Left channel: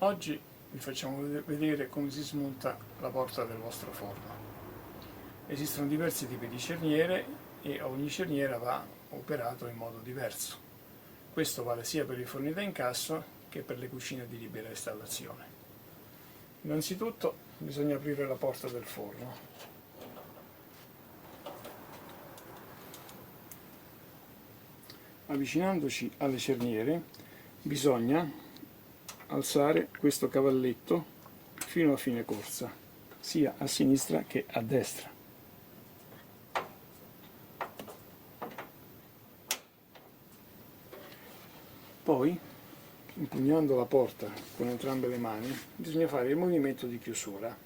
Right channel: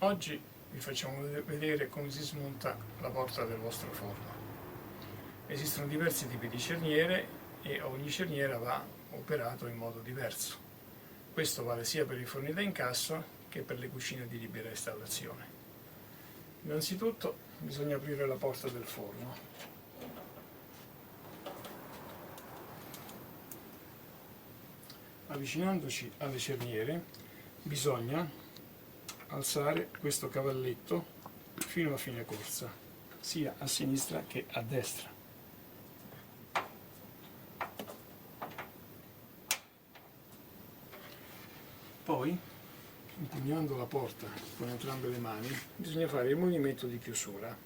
Oggi vi facciamo vedere come si smonta la porta del vostro forno. Esistono diversi tipi di cerniere e ogni cerniera va operato in modo diverso. Questo vale sia per i forni da incasso che per le cucine di libera installazione. Innanzitutto bisogna aprire la porta del forno. Avvicinandoci alle cerniere bisogna alzare questo cavalletto fino a fine corsa, sia a sinistra che a destra. Poi, impugnando la porta con entrambe le mani, bisogna fare il movimento di chiusura.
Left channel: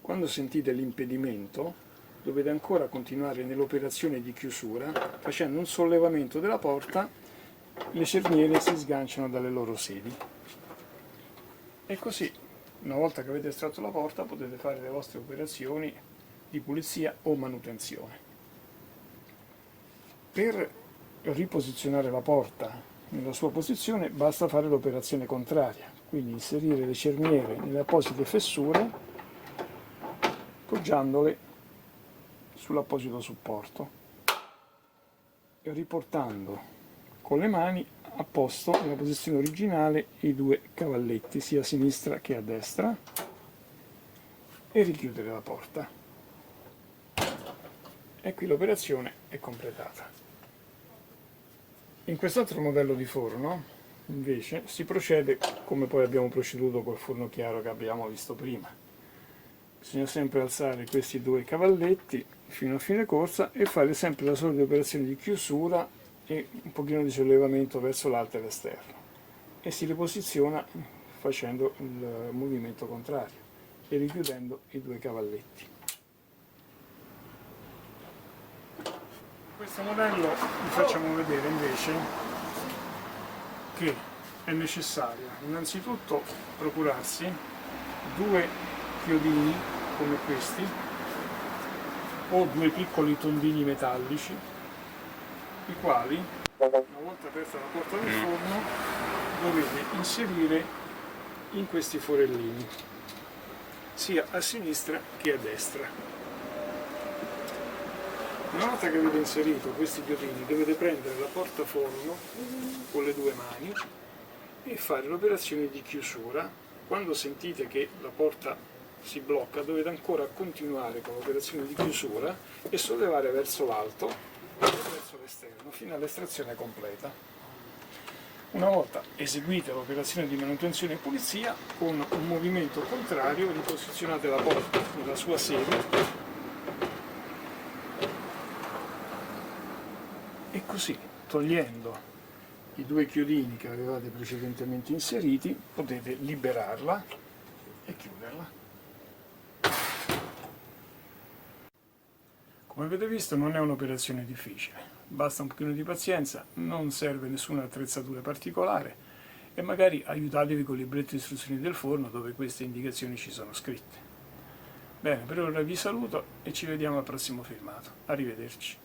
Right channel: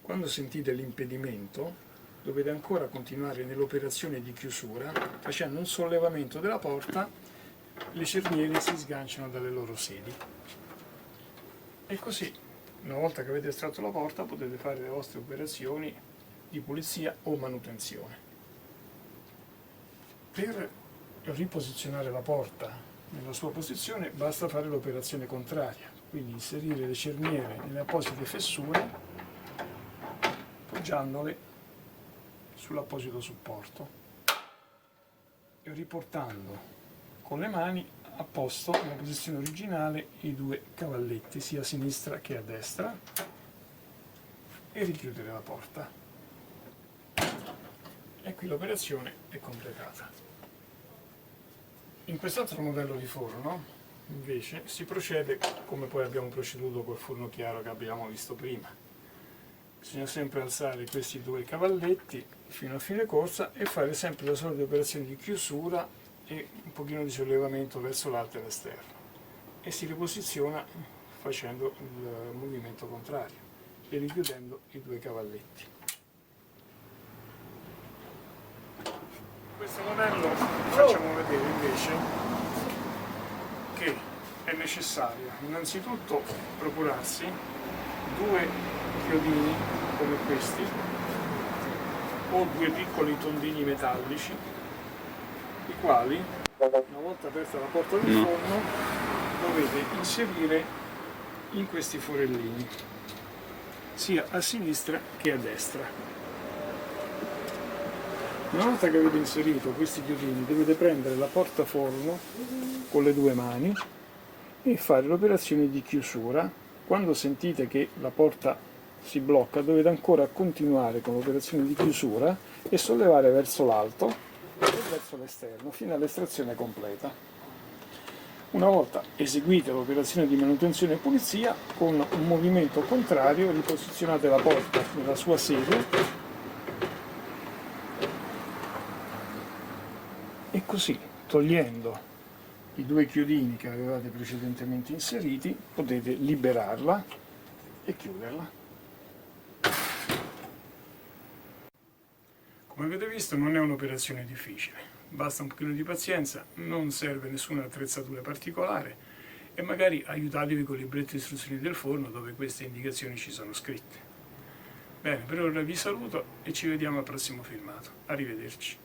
Quando sentite l'impedimento, dovete ancora continuare nell'operazione di chiusura, facendo un sollevamento della porta, le cerniere si sganciano dalle loro sedi. E così, una volta che avete estratto la porta, potete fare le vostre operazioni di pulizia o manutenzione. Per riposizionare la porta nella sua posizione basta fare l'operazione contraria, quindi inserire le cerniere nelle apposite fessure, poggiandole sull'apposito supporto e riportando con le mani a posto nella posizione originale i due cavalletti sia a sinistra che a destra e richiudere la porta. E qui l'operazione è completata. In quest'altro modello di forno invece si procede come poi abbiamo proceduto col forno chiaro che abbiamo visto prima. Bisogna sempre alzare questi due cavalletti fino a fine corsa e fare sempre la solita operazione di chiusura e un pochino di sollevamento verso l'alto e l'esterno, e si riposiziona facendo il movimento contrario e richiudendo i due cavalletti. In questo modello vi facciamo vedere invece che è necessario innanzitutto procurarsi due chiodini come questi o due piccoli tondini metallici, i quali, una volta aperta la porta del forno, dovete inserire in questi forellini sia a sinistra che a destra. Una volta che avete inserito questi chiodini dovete prendere la portaforno con le due mani e fare l'operazione di chiusura. Quando sentite che la porta si blocca dovete ancora continuare con l'operazione di chiusura e sollevare verso l'alto e verso l'esterno fino all'estrazione completa. Una volta eseguita l'operazione di manutenzione e pulizia, con un movimento contrario riposizionate la porta nella sua sede e così, togliendo i due chiodini che avevate precedentemente inseriti, potete liberarla e chiuderla. Come avete visto non è un'operazione difficile, basta un pochino di pazienza, non serve nessuna attrezzatura particolare e magari aiutatevi con il libretto di istruzioni del forno dove queste indicazioni ci sono scritte. Bene, per ora vi saluto e ci vediamo al prossimo filmato. Arrivederci.